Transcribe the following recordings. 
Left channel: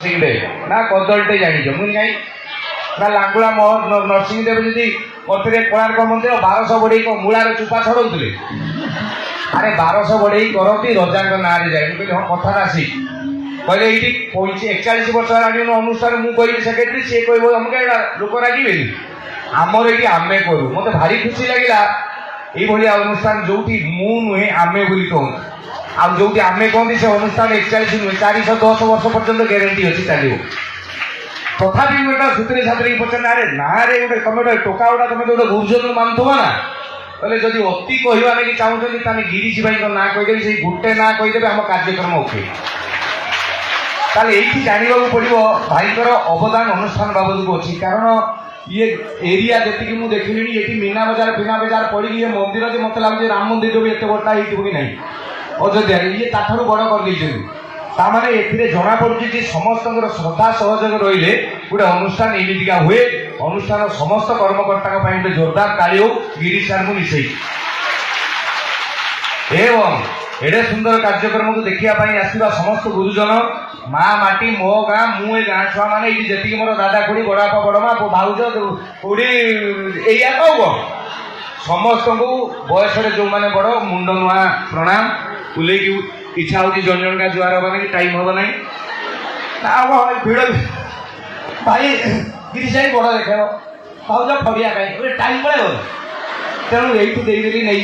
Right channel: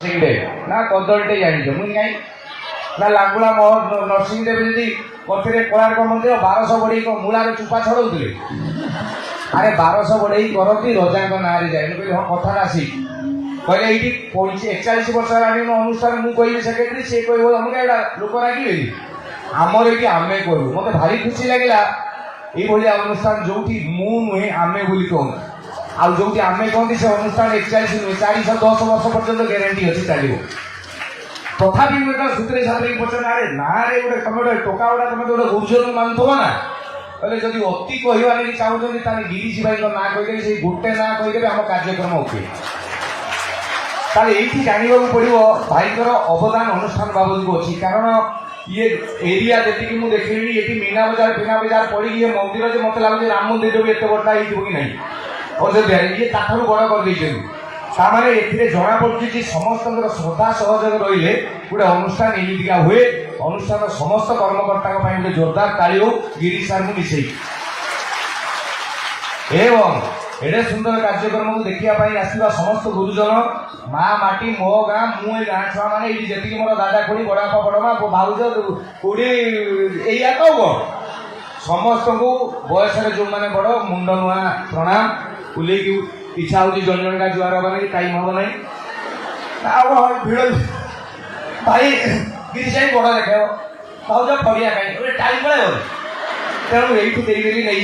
ना कदलटे जान मुझे जाई ना लांगुला नरसिंहदेव जी करते कोणार्क मंदिर 1200 बढ़े मूलार चुपा छड़ौले अरे 1200 बढ़े करती रजा ना जाए हाँ कथा आसी कहले ये 41 वर्ष अनुष्ठान मुझे सेक्रेटरी सी कह लोक रागे आमर ये आम करूँ मत भारी खुशी लगे ये अनुष्ठान जो मुहे आमे कहूँ आउ जो आम कहते से अनुष्ठान 41 नुहे 410 वर्ष पर्यटन ग्यारंटी अच्छी चलो तथापि गोटे छुट्टी छात्र पचार अरे ना रे गोटे तुम गोटे टोका गुड़ा तुम गोटे गुरुजन मानुव ना कहले जदि अति कहवा लगे चाहते गिरीश भाई ना कहीदेवी से गोटे ना कहीदेवे आम कार्यक्रम ओके ये जानवा पड़ो भाईकर अवदान अनुष्ठान बाबद को अच्छी कारण ये एरिया जी मुझे देखिली ये मीना बजार फिना बजार पड़ी ये मंदिर जो मत लगे राम मंदिर भी एत बड़ा हो ना अयोध्या ये ताठू बड़ कर ए जना पड़ी समस्त श्रद्धा सहयोग रही गोटे अनुष्ठान एमतीका हुए अनुष्ठान समस्त कर्मकर्ता गोटे जोरदार ताली हो गिरीश सार को मिसई एवं एडे सुंदर कार्यक्रम को देखापी आसवा समस्त गुरुजन माँ माटी मो गाँ मुझे गाँ छुआ मैंने ये जी मोर दादा खुड़ी बड़ापा बड़मा भाउज खुड़ी या कौन समस्त को बयस जो मैंने बड़ मुंड नुआ प्रणाम बुले इच्छा हो जन जन का जुआर हवा कि टाइम हम ना भिड़ भाई गिरीश बड़ देख भाज फरिया कहीं टाइम पड़े तेणु यही नहीं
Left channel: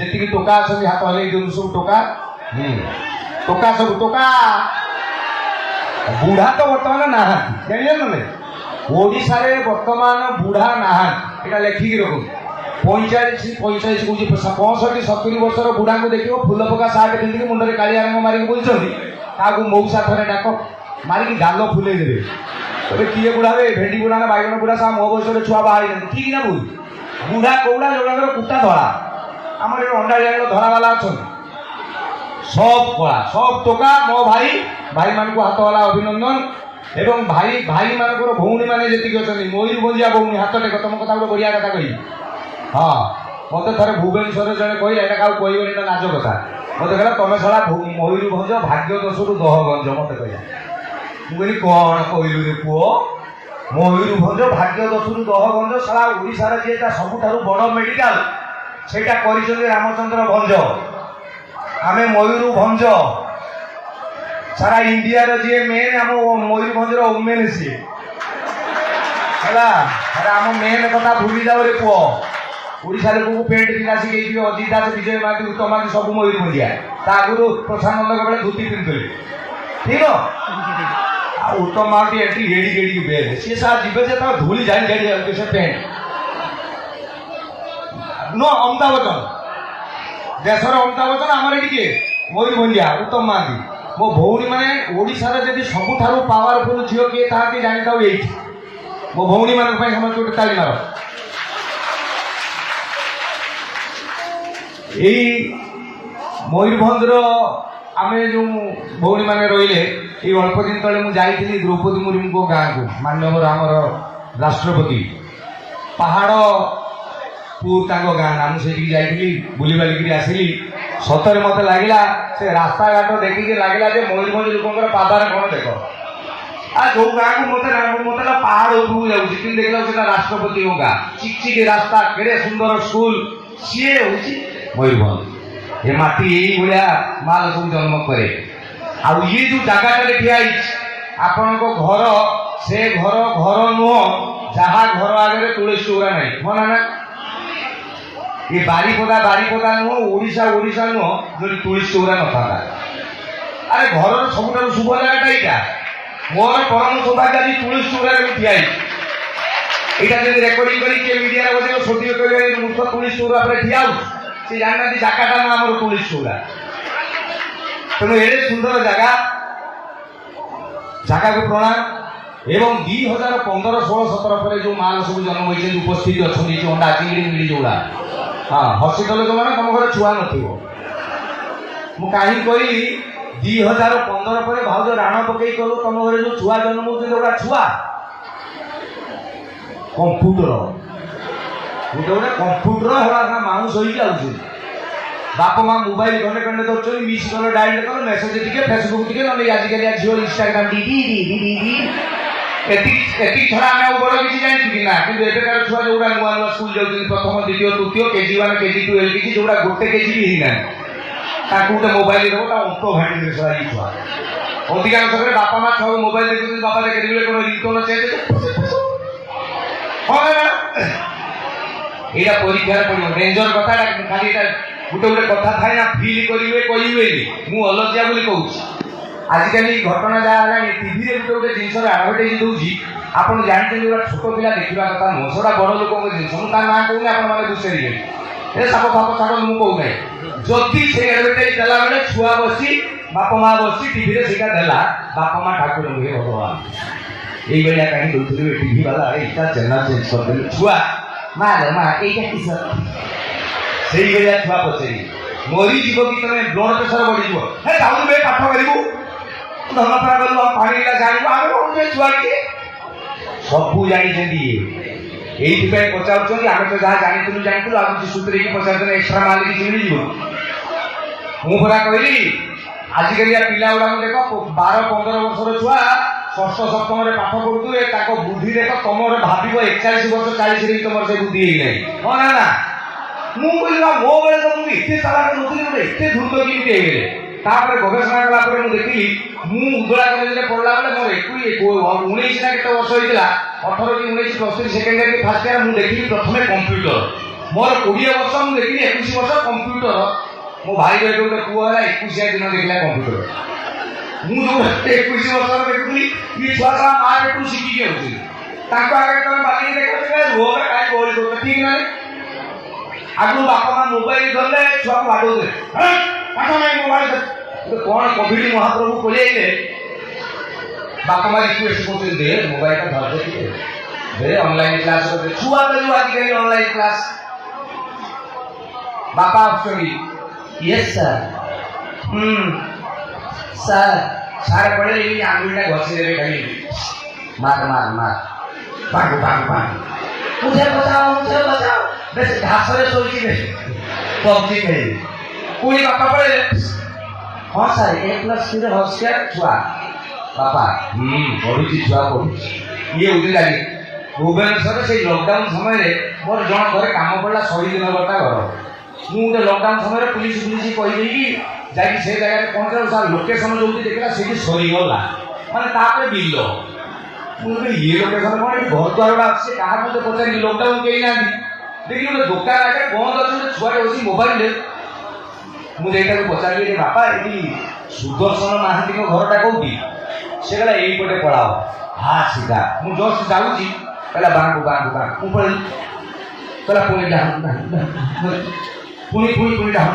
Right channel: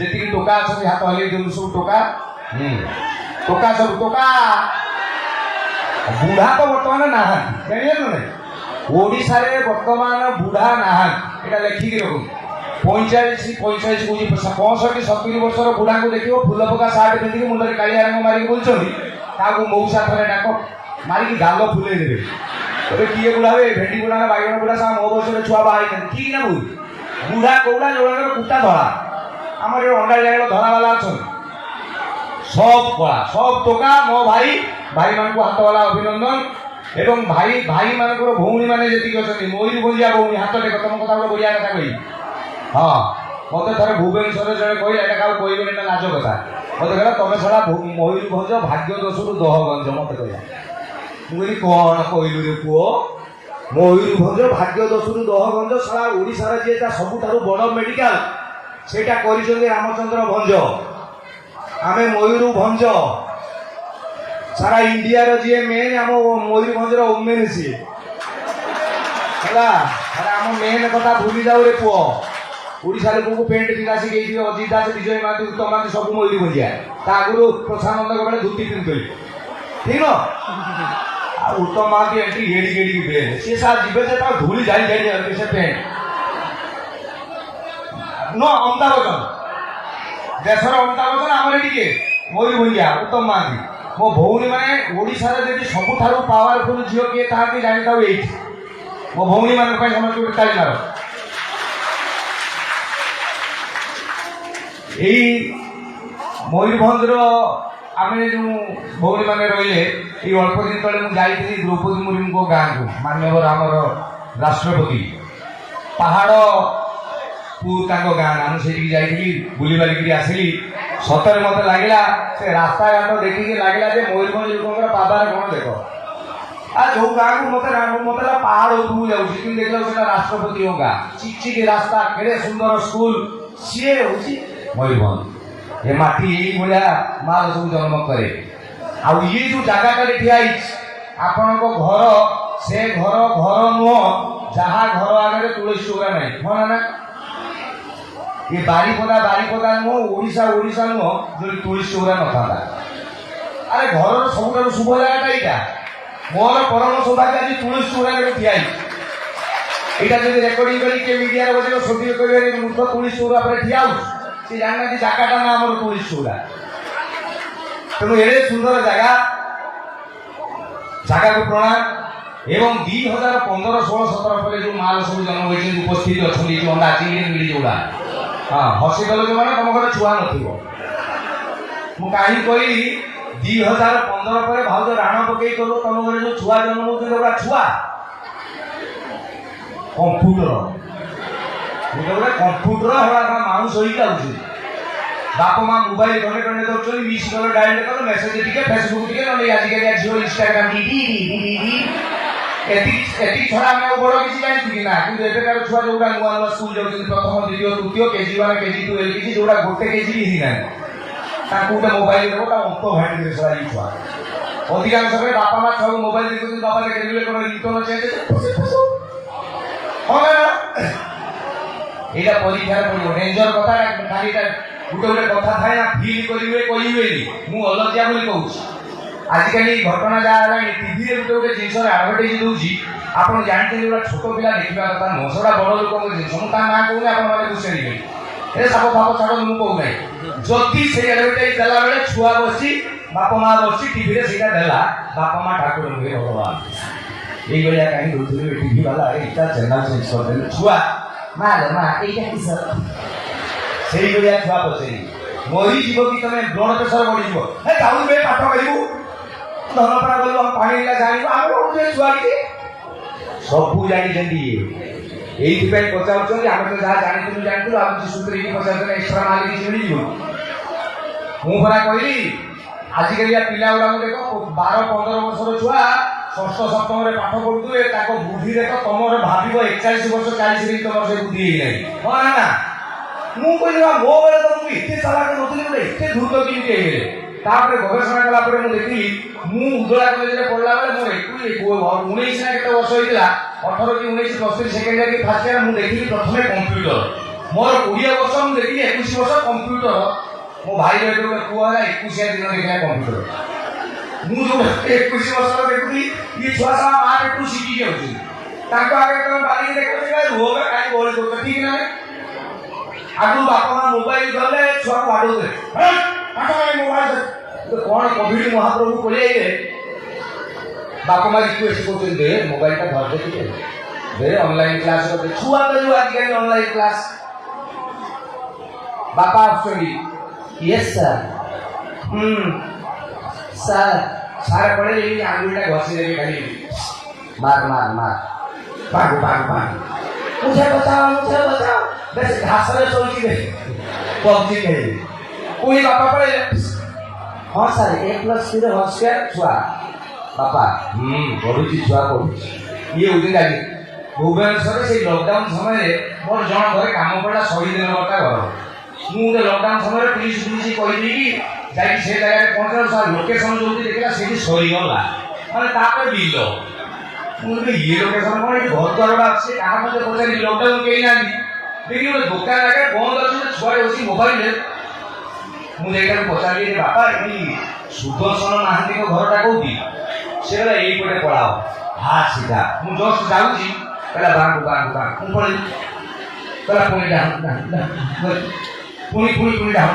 जी टोका सब हाथ हल सब टोका टोका सब टोका बुढ़ा तो बर्तमान ना ओडिशा बर्तमान बुढ़ा ना लेखिकी रखु 45 कौन 65 70 वर्ष बुढ़ा को देख फूल पका सार्ट पिंधिक मुंडे कालिया रंग मारिक बुलूँ मऊसा थे डाक मारिक गाल फुले देवे किए बुढ़ा भेंडी बुढ़ा बैगण बुढ़ा सा मो बयस छुआ बाहर ठीक ना भूल बुढ़ा कौड़ा जो कुटा धरा आम अंडा जगह धरावाला अच्छा सब कला सब टोका मो भाई भाई मान को हाथ वाला अभिनंदन एवं भाई भाई मान भौणी मैंने जी अच्छा मयूरभंजिया भौणी हाथ टेक तुम कथा गोटे बढ़िया कथा कही हाँ मत थे भुवनेश्वर जड़े कही क्या कहबे नाच कथा मत कहला तुम सारा मयूरभंज भाग्य दशरू दहगंज मत कह मुझे कौन कहलु रे पुओ मयूरभंज भाग्य दशरू दहगंज सारा ओडिशार जी सबुठ बड़ मेडिकल से रामचंद्र भंज आम मयूरभंज सारा इंडिया जी मेन आम मयूरभंजर ओमेन सी है आम मेन कथा भूली जाओ रे पुओ ओडिशा लोक को पेंट पिला शिखी अजित दास विजय महांती उत्तम महांती सब मयूरभंजिया आगुरी प्रशानंद बेले धोती पिंधुली ठीक है उत्तम महांती एंटी गेड़ी गेड़ी बेल सी सार जीवे से धूली जाई जाए से पेंट नो अमिताभ बच्चन देशर अमिताभ बच्चन आमर ये मयूरभंजिया उत्तम महांती मो भौणी मैंने ओडिशार जब सबुठ पावरफुल झील किए था जानी था ये मो भौणी मान समस्त ताली मार यही मयूरभंजर आम जो भौणी मैंने रही अल्प दिन तले मुझे द्रौपदी मुर्मू गाँ को माननीय आमर राष्ट्रपति पहाड़ को गाँ मुझे जाइली बुली बालिक आसली सतरे मत लगे से रास्ता घाट देखिए लगे मयूरभंज लोक पादार कौन देख आ जो गाँ को मत पहाड़ उपरू जाऊँगी देखा राष्ट्रपति गाँ चिकचिक रास्ता केड़े सुंदर स्कूल सी हूँ मयूरभंज ये माटी यही भाया माल सब जन्म करे आउ ये जो जगह ठिया आपण घर से घर घर नुह जहाँ घर आगे तुलसी चौरा ना हाँ ना ये बारीपदा नुह ओडिशा ओडिशा नुह जो तुलसी चौरा न था अरे घर सब शुभ जगह यहाँ मोर परम सौभाग्य आज तुलसी चौरा ठिया यहाँ जब रेकर्डिंग कर मीडिया बजे सोटी कर मूर्ख तुलसी चौरा पर ठिया से जाना जगह ना आम तुलसी चौरा तेणु ए सुंदर जगह जगह को प्रणाम एवं 2015-16-17 पर जो माल सब जन्म होती उपस्थित अच्छा अंडा चिंगड़ी मिली जोड़ा हाँ हस्पिटाल जो मैंने तुम घर छुआ न कहीं कहली 2015 पर भाज राण पकई कलु तुम घर जो छुआ जन्म होगा छुआ कंप्यूटर गोटे कंप्यूटर हड़ा माउस हो ବାପା ମା ମୋବାଇଲ ଘଣ୍ଟେ ଘଣ୍ଟେ ଧରୁଛନ୍ତି, ମିସ୍ କଲ ଡାଏଲ କଲ, ମେସେଜ ଟିକେ, ଫେସବୁକ୍ ଟିକେ, ନହେଲେ ଆଜିକାଲି ଝିଅ ଇନଷ୍ଟାଗ୍ରାମ ଏତିକି ଛଡା ଆମେ ଆଉ ବଡ କିଛି ଜାଣିଛୁ କି ନା। କିନ୍ତୁ ଏବେକାର ଛୁଆ ଯୋଉଟା ନୂଆ ନୂଆ ସ୍କୁଲ ଯାଉଛନ୍ତି, ପ୍ରଥମ ଦ୍ୱିତୀୟ ତୃତୀୟ KG1 KG2 LKG, ଯୋଉଟା ଗୋଟେ କେଜି ବି ହେଇନାହାନ୍ତି, ତାଙ୍କୁ ଗୋଟେ ମୋବାଇଲ ଦେବ, ତା ଅଙ୍କ ଘାଟିରେ ସରା ଏଇ ଛୁଆ। ଅଧିକାଂଶ ବେଳେ ବାପା ମା ଛୁଆକୁ ମୋବାଇଲ ଦେଖୁଛନ୍ତି, ବାପା ଦେଖିଲେ କଣ ରିଟର୍ନ ଚେଞ୍ଜ এইটা পরীক্ষার ডেঞ্জর কথা। খালি এটা গোটে গোটে কথা থাকে না, ফিল করবে কইবেনি। মু অলজ্জা বলে কହୁছি। আজকালি ঘটনা যা হলানি, টিভিরে গোটে গোটে জিনিসর আডভার্টাইজ দଉଛି, ଆପଣ ଜାଣିଛନ୍ତି ଗୋଟେ ଛୋଟ ପିଲା ଦେଖିବା କଥା ନୁହଁ, ସେଟା ବଡ଼ ଲୋକଙ୍କ ଜିନିଷ। ମୁଁ ତା ନାଁ କହୁନି, ଆପଣମାନେ ବୁଝିପାରିବେ। ଏ ସାପ ଫାପ ଛାଡ଼ ମୁଁ କହୁନାହିଁ। ଯଦି ସେ ଆଡଭାର୍ଟାଇଜ ଦେଲା ବେଳେ ଛୁଆ ବସି, ବାପା ମା ବସି ଟିଭିରେ ସେଇଟା ଦେଲା, ବାପା ମା ଠାକୁର ହୁଏ ଭଗବାନ, এইଭଳିଆ କାହିଁ ଦଉଥିବେ ଟିଭି ବାଲା, ଏଇଟା ଚ୍ୟାନେଲ ଚେଞ୍ଜ କରିଦେଲେ। ଛୁଆ ମା ମା এইটা কিস, ସେଇଭଳିଆ ଛୁଆ ପଚାରି ମରିଯିବ କି ତମେ, ବ୍ଲଡ ପ୍ରେସର ବଢିଯିବ। ହେ ଯାଉନୁ ବେ ପାଠ କରିବୁ, ଧନପରା ଗଲୁ, ପାଣି ଜାଣିବୁ, ଆମେ କହୁଛୁ ଛୁଆ କି ସବୁ ଜାଣିଛନ୍ତି। এইଥିପାଇଁ ପଚାରୁଛନ୍ତି, ଆମେ ତ ଯାହା ଜାଣିଥିଲୁ ଆଉ କିଛି ସୂତ୍ରକି ପଚାରୁଛନ୍ତି, ଏକ୍ସଟ୍ରା ମାଲ କିଛି ମିଳିଯିବ। ମୁଁ ପରା କହିଲି ଆଜିକାଲିଆ ପିଲା ଗୁଡାକ ଦେଖ, 12-15 ବର୍ଷର ଛୁଆ ଷଷ୍ଠ ସପ୍ତମରେ ପାଠ ପଢୁଥିବେ, ତାଙ୍କ ବୁଦ୍ଧି ଦେଖ, ତମର ଭାବିବ 41 ବର୍ଷ 40ରେ ତମର ସେ ବୁଦ୍ଧି ହେଇନାହିଁ। ହଁ ନା ନା? ମୁଁ କହିଲି ମୋ ବେଳେ ତ ମୁଁ ଏତେ ଚାଲାକ ନଥିଲି, ମୋତେ ଏତେ ଦ୍ରୁତ କେମିତି ହେଇଗଲେ। ତାପରେ ଗବେଷଣା କଲା ପରେ ମୁଁ ଦେଖିଲି, ମୁଁ ଉଦଳା କଲେଜରେ ପଢିଲା ବେଳେ ମୋର 19 ନା କେତେ ବର୍ଷ ହେଇଥିଲା, 18 କି 19 +3 ସେକେଣ୍ଡ ଇୟର କି ଫାର୍ଷ୍ଟ ଇୟର। ମୁଁ ଦେଖିଲି ପ୍ରଥମେ କମ୍ପ୍ୟୁଟର, ମୋର 20 ବର୍ଷ, ମୁଁ ଦେଖିଲି 21 ବର୍ଷ କମ୍ପ୍ୟୁଟର। ମୋ ଭାଇର ଏବେ ଗୋଟେ ପୁଅ ହେଲା, 21 ଦିନ ଦେଖିଲା କମ୍ପ୍ୟୁଟର। ମୁଁ ଯୋଉ 21 ବର୍ଷର ଦେଖୁଥିଲି, ଇଏ ଛୁଆ ସାରା ମା ପେଟରୁ ଶିଖି ଯାଉଛନ୍ତି। ତାଙ୍କ ଆଗରେ ତମେ ବାଲିକି ଦେଖୁଛ, ରୁହ କାହିଁ ଗହଳି କରୁଛ, ଠିକ ନା? ଆଗରୁ ବାପା ମା ମୋବାଇଲ ଧରିଲେ ଛୁଆକୁ ବାଡଉଥିଲେ, ମୋବାଇଲ କଣ କୋଭିଡ ମହାପ୍ରଭୁ ପଳେଇଲେ, ବାପା ମା ରିକ୍ୱେଷ୍ଟ କରୁଛନ୍ତି, ଦେ ମୋବାଇଲଟା ଧରିଦେ ଟିକେ, ଦେ ଅନଲାଇନ କ୍ଲାସ କରିଦେ। ଛୁଆ ତ ଯୋଉ ଆଜିକାଲି ଅନଲାଇନ କ୍ଲାସ, ବାପା ଆସୁଛନ୍ତି, ୟେସ୍ ସାର୍, ସାର୍ ସାର୍ ପଳେଇ ଏଇ ଆଙ୍ଗୁଳିଟା ଘଷି ଦେବେ, ଖାଲି ମାର ମାର ମାର, ପାଗୁ ପାଗୁ ପାଗୁ, मुझे बचाओ। बस घासरे सोची दे पबजी खेले, कोई बापा पड़े। हाँ सर 1+3 होशियार छुआ बापा, पढ़ुची छुआ पढ़ुची। ये उठी लगे भुवनेश्वर से लॉकडाउन समय मोर जन घर काम पड़ा, 100 दिन गोटा घर। मुझे लॉकडाउन समय पुलिस कहीदी कि जाकि से जगह पहुंचे, सर लोकेशन जो देखला से सरीगला, मैंने तापर बिल ये लोकेशन कौन, घर द्वार आसे कहा मत पचारि, लॉकडाउन कहीं ना देखिए गोटे दुकान लगे बंद अच्छे, छुआ बस मोबाइल मुझे पचारि, बापा ये सुदर्शन महांती घरटा कौटी, से कहला यहीपटे पढ़ाओ। हाँ सीधा मुझे जस्ट जाऊँगी, कहला बांधु बांधु बांधु, मुझे कहला पुणी डाउन पुणी डाउन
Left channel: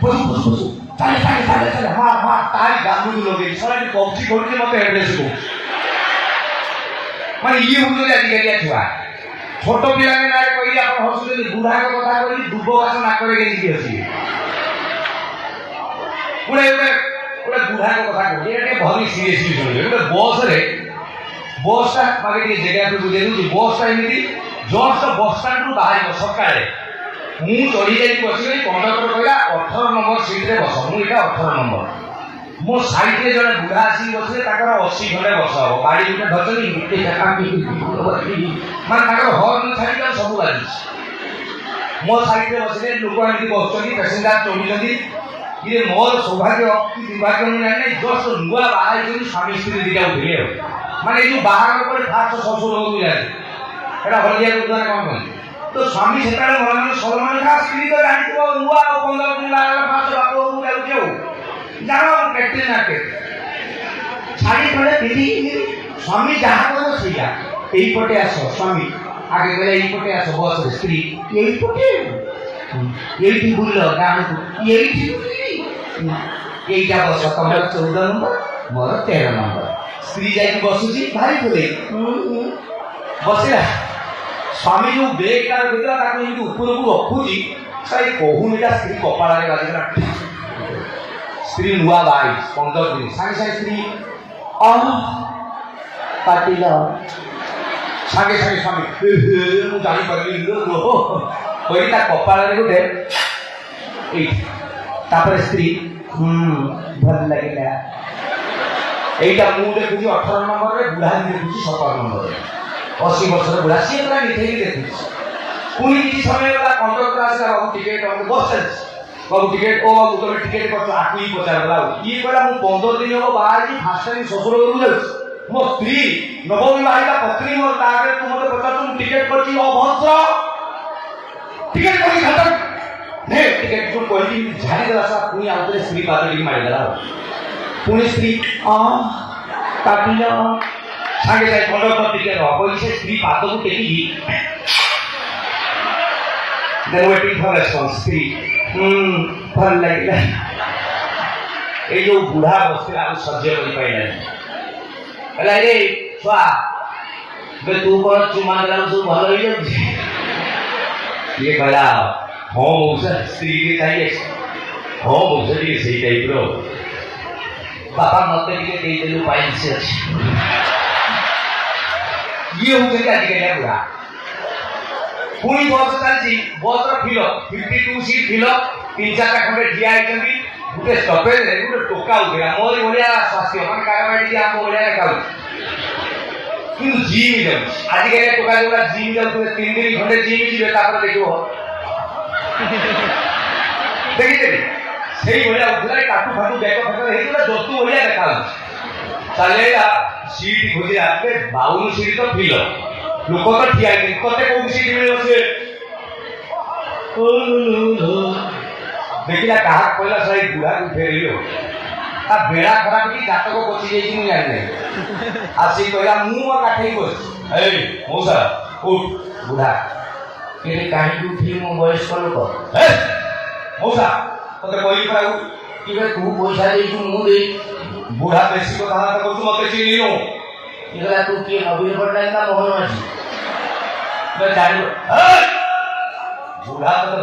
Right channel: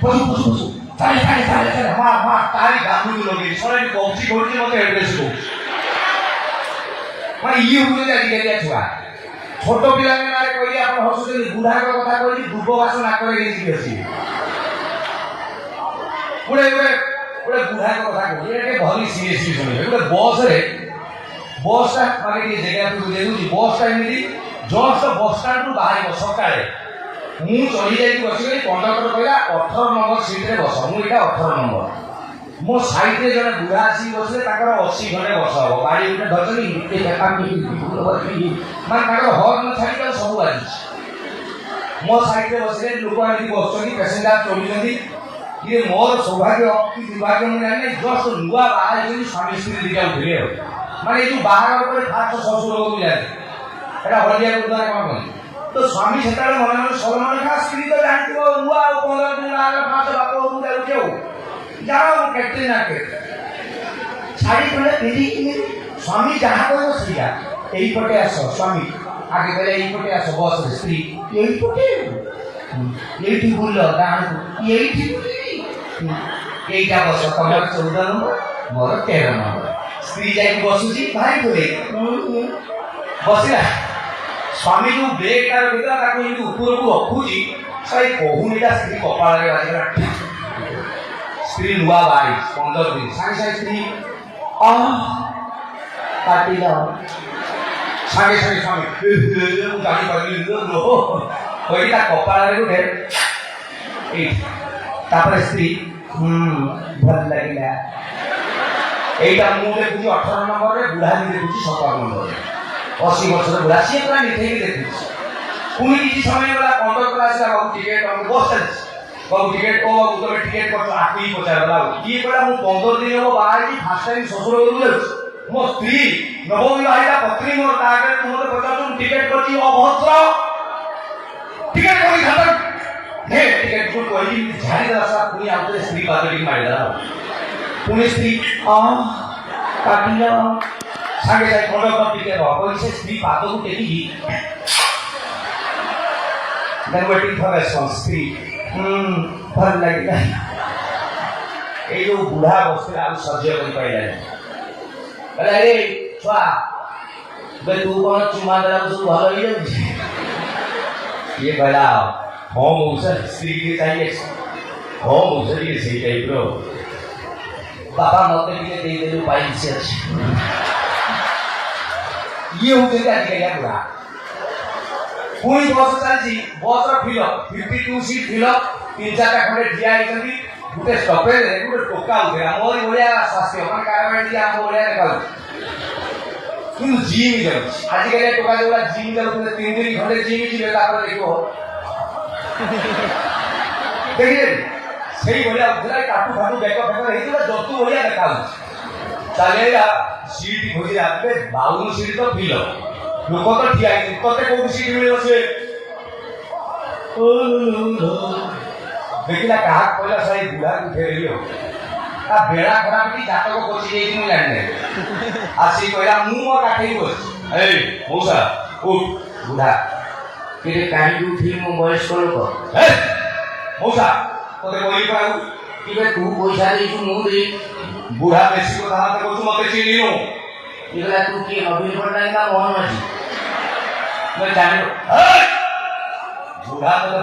पशु पशु पशु चाले चाले चाले चाले, हाँ हाँ तारी गाँव लगे सर पबजी करुचे, मत एड्रेस को মানে ইয়ে হচ্ছে আজকালিয়া ছুয়া। ছোট পিলাকে না কই আপন হসুଛନ୍ତି, বুঢ়াক কথা কই দুব ঘাস না করে গেছি আছে। ଗୋଟେ ବୁଢ଼ାଙ୍କ କଥା କହୁଛି, ଏଇଟା ଟିକେ ଭାରି ସିରିୟସଲି ଶୁଣିବେ। ଗୋଟେ ବସ୍ଟା ଆଗେ ଟିକେ ଜାଗାକୁ ବୁଝେଇ ଦେଉଛି। ବସ୍ଟା ଏମିତି ଜଷ୍ଟ ବସ୍ଷ୍ଟାଣ୍ଡରୁ ବାହାରିବ ସକାଳେ, ମୁଁ ଚଢ଼ି ଯାଇକି ବସିଗଲି, କଣ୍ଡକ୍ଟର କହିଲା 18 ନମ୍ବର ସିଟ୍ରେ ବସ। ମୁଁ ଏଇଟା 18 ନମ୍ବର। ମୋ ସାଇଡରେ ଜଣେ ବୁଢ଼ା ଆସିକି ବସିଲେ, ତାଙ୍କର 80 ଖଣ୍ଡେ ବର୍ଷ ହବ, ବାଡ଼ି ଗୋଟେ ଧରିଛନ୍ତି, ମାନେ ତାଙ୍କର ହର୍ନ ଛାଡ଼ିକି ସବୁ ବାଜୁଛି। ମୋ ସାଇଡରେ ବସିଲେ ଲୋକ ଏମିତି ବସୁଛନ୍ତି, ପେସେଞ୍ଜର ଚଢୁଛନ୍ତି। ଇଏ ମୋର ସୌଭାଗ୍ୟ କି ଦୁର୍ଭାଗ୍ୟ ମୁଁ ଜାଣିନି, ଜଷ୍ଟ ନୂଆ ବାହା ହେଇଛନ୍ତି, ସ୍ୱାମୀ ସ୍ତ୍ରୀ ଦିଟା ଉଠିଲେ ଆଉ। ମାନେ ଏଇ ଯୋଉ ବାହାଘର ପରେ ଫାଷ୍ଟ ଶ୍ୱଶୁର ଘରକୁ ଯାଆନ୍ତି, ଏଇଟା ହଳଦିଆ କରୁଛନ୍ତି କଣ କହନ୍ତି, ତ ସ୍ୱାମୀ ସେତେବେଳେ ମନେ ମନେ ସଲମାନ ଖାଁ, ସ୍ତ୍ରୀ ତ ଜାଣିଥିବ ନୂଆ ଆଉ 15 ଦିନ ବାହାଘର ଫାଷ୍ଟ ବାପ ଘରକୁ ଯାଉଛି ଆଉ जाओ कैटे ना के साड़ी खंडे दीदी स्वामी जहाँ कहो सीधा यही पटे आस, स्वामी आगे कहले यही पटे आस, बस रे स्त्री यही पटे यही बुल गाँव यही यहीटा बस, तुम 14 नंबर मोर 13 नंबर। स्त्री जाकि बसुची भारी बोले बसला, स्वामी जो बेग तार भीतर ताको एमती उपरକୁ ରଖୁଛି, ସେ କହୁନିଟା ସ୍ତ୍ରୀ କପାଳରେ ବାଜିଲା। स्त्री नुआ बाई 15 दिन सागे सागे स्त्री काटिल सागे सागे स्वामी मु जानी पारिली लो कोइटा कपाଳରେ गोटे ତାପରେ ସ୍ତ୍ରୀ ଭଲ ଲାଗିଲା। এইটা ମୁଁ ଦେଖୁଛି 18 ନମ୍ବରରେ, ବୁଢା ଦେଖୁଛି 17 ନମ୍ବରରେ। 80 ବର୍ଷର ବୁଢା, ସିଏ ପୁରା ମିଠେଇକି ଦେଖୁଛି। ପୁଣି କିଛି ସମୟ ଗଲା, କଣ୍ଡକ୍ଟର ଆସିଲା, ବାବୁ ଟିକେଟ, ବାବୁ ବସ ଚାଲିଛି, ବାବୁ ଟିକେଟ, ଓ ବାବୁ ତମେ ଟିକେଟ କରିଛ, ଆକୁ ହିଁ ପଚାରିଲା। ବାବୁ ଇଏ କହିଲା ମୁଁ 15 ଦିନ ହବ ବାହାରିକି ଫାଷ୍ଟ ଟାଇମ ଶ୍ୱଶୁର ଘରକୁ ଯାଉଛି, ମୋ ସ୍ତ୍ରୀ ନବବିବାହିତା ପତ୍ନୀ ମୋର, ତା ଆଗରେ ତୁ ମତେ ପଚାରୁଛୁ ମୁଁ ଟିକେଟ କରିଛି, ଅଭଦ୍ର। ଟିକେଟ କରି ଖାତା ନେ ଟିକେଟ ତୁ କହିଲି ଝାଡ଼ିଦେଲା ସାରା। ପୁଣି ଆଉ ଥରେ ସ୍ତ୍ରୀ ପାଦ ଟିକେ ମାରିଦେଲା। ପୁଣି ସ୍ତ୍ରୀ କାଟିଲ ସାଙ୍ଗେ ସାଙ୍ଗେ କଣ୍ଡକ୍ଟର ଟିକେଟ ହବ କହିଲି, ସେ ସ୍ତ୍ରୀ ପାଦକୁ ଟେକିକି waiting for response. ସ୍ତ୍ରୀ ଭଲ ଲାଗିଲା। ଏଇ ଯୋଉ ବୁଢା ବସିଥିଲା ଆଉ ସହ୍ୟ କରିପାରିଲାନି, କହିଲା ଏ ଛୁଆ ତୁ କଣ ଚୁମା ଦେଲା ସବୁ ଭଲ ହେଇଯାଉଛି? ଇଏ କହିଲା ହଁ ମଉସା, ସ୍ତ୍ରୀ କି ଚାହିଁଲେ ହଁ ମଉସା ଟିକେ ସେଇ ଟାଇପର। ବାପା ମତେ ଟିକେ ଦେଇଦେଲୁ, ପାଇଛି ଅଛି। ଇଏ ହଉଛନ୍ତି ଆଜିକାଲିଆ ବୁଢା। ପୁଣି ବସ୍ ଚାଲିଛି, ବସ୍ର ଫିଲ 52 ସିଟ୍ ଫିଲ, 3-4ଟା ଖଣ୍ଡେ ଠିଆ ହେଇଛନ୍ତି। ଗୋଟେ ଷ୍ଟପେଜରେ ଗୋଟେ ଟୋକା ଉଠେଇଲା, ମୋରି ଭଳିଆ ସ୍ୱାସ୍ଥ୍ୟ, ମାନେ କାରବାଡ଼ି ଆମ ଭଳିଆ ଦେଖାଉଛି, କିନ୍ତୁ ଜିମ୍ ଯାଉଛି। ଆଜିକାଲିଆ ଟୋକା ଯୋଉଟା ଜିମ୍ ଯାଉଥିଲେ 3 ଦିନ ଖଣ୍ଡେ ଜିମ୍ ଯିବେ, ତାପରେ ଦେଖିବ ଦେଖିଦେବି ସେଇ ଭଳିଆ ଉଠିଲା। କାଟୁ ଫାଟୁ ବେକ ଫେକ ହେଇଥିଲା, ଜତୁ ଭଳିଆ ଦେଖାଯାଉଛି। ଚାଲିଲା ସିଟ୍ ଖୋଜିଲା, 52 ସିଟ୍ ତ ଫିଲ, ଲୋକ ତ ଠିଆ ହେଇଛି, ତତେ କୋଉଠି ସିଟ୍ ମିଳିବ? ସେ ଦେଖିଲା କାହାକୁ କହିଲା, ସେଇ ବୁଢାକୁ ଫେରିଲି। ତା ବେଳା ଖରାପ କି ଜାତକ ବସି ଯାଇଛି ମୁଁ ଜାଣିନି। ଆସିକି କହିଲା ମୁଁ ମୋ କାଠେଇ ବସିଛି, ଏଇ ମଉସା ଉଠ। ବୁଢା କିନ୍ତୁ କାହିଁକି ଉଠିଲି? ମୋ ବୟସ୍କ ଲୋକ। ମଉସା ତତେ କହିଲି ପାଉ କି ତୁ ପଇସା ଦେଇଛୁ ମୁଁ ଦେଇ। ବୁଢା ବେଶୀ କଥା କହୁଛୁ, ମତେ ଚିହ୍ନିନୁ? କହିଲା ତୁ କିଏ, ନବୀନ ପଟ୍ଟନାୟକ ନା ମୋହନ ମାଝୀ? ଜାଣିବୁ ବୁଢା ତତେ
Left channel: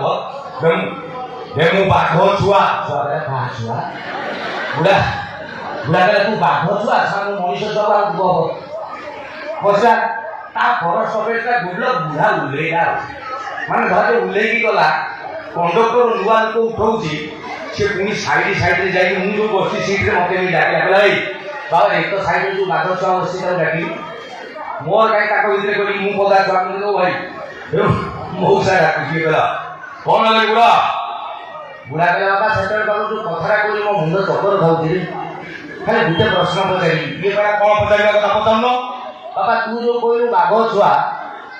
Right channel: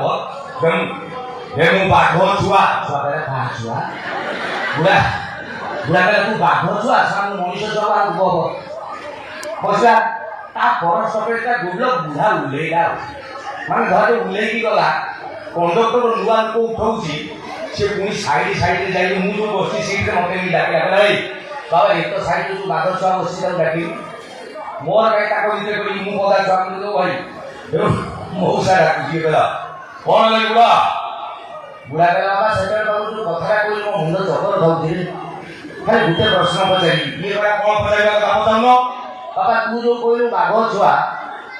ମୁଁ ବାଘ ଛୁଆ। ଛୁଆ କହିଲା କାହା ଛୁଆ? ବୁଢା କହିଲା ତୁ ବାଘ ଛୁଆ, ମୁଁ ମଣିଷ ଛୁଆ। ବସିଲା ତା ପର ଷ୍ଟପେଜଟା ଗୁଡଲ। ବୁଢା ଉଲ୍ଲେଇଲା, ମାନେ ଧର ଉଲ୍ଲେଇକି ଗଲା, କଣ୍ଡକ୍ଟର ନୂଆ ଲୋକ ଉଠଉଛି, ସେ ପୁଣି ସାଇଡ୍ ସାଇଡ୍ରେ ଯାଇକି ମୁଁ ଯୋଉ ବସି ସିଟ୍ରେ ମତେ ନେଇ ଡାକିଲା, କହିଲା ଏଇ ବାବା ଏକ ସାଇଡ୍ରେ ଯୋଉ ବାଘ ଛୁଆ ବସି ତାକୁ ଡାକିଲି, ମୋର କାହିଁ ତାଙ୍କ ଭିତରେ କହିଲି ମୁଁ ପଦା ଛୁଆ ଦେବ ଭାଇ। ମଉସା ଡାକୁଛି, କହିଲା କଣ ହେଲା ବୁଢା? ବୁଢା କହିଲା ବାବା ସେତେବେଳେ ବାବୁ ଯୋଉ କଥାଟା କହିଲି ମୋ ମୁଣ୍ଡ ଚକର ଖାଉଥିଲି, ଖାଲି ଗୋଟେ ପ୍ରଶ୍ନ ପଚାରିଲି। ଇଏ କହିଲା କଣ ପଚାରିବା କଥା ପଚାରୁନ? ବାବା ତୁ ଯୋଉ କହିଲୁ ବାଘ ଛୁଆ,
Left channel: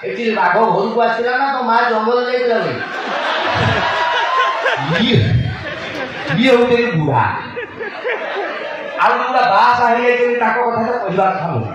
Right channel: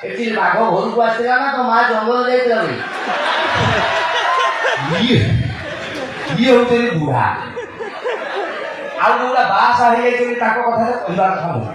ଏଠି ବାଘ ଘରକୁ ଆସିଥିଲା ନା ତୋ ମା ଜଙ୍ଗଲ ଯାଇଥିଲା ବୋଲି? ଇଏ ହଉଛନ୍ତି ବୁଢା। ଆଉ ଯୋଉଟା ବାହା ହେଇଯାଇଛନ୍ତି ତାଙ୍କ କଥା କହିବା କଥା ନୁହେଁ।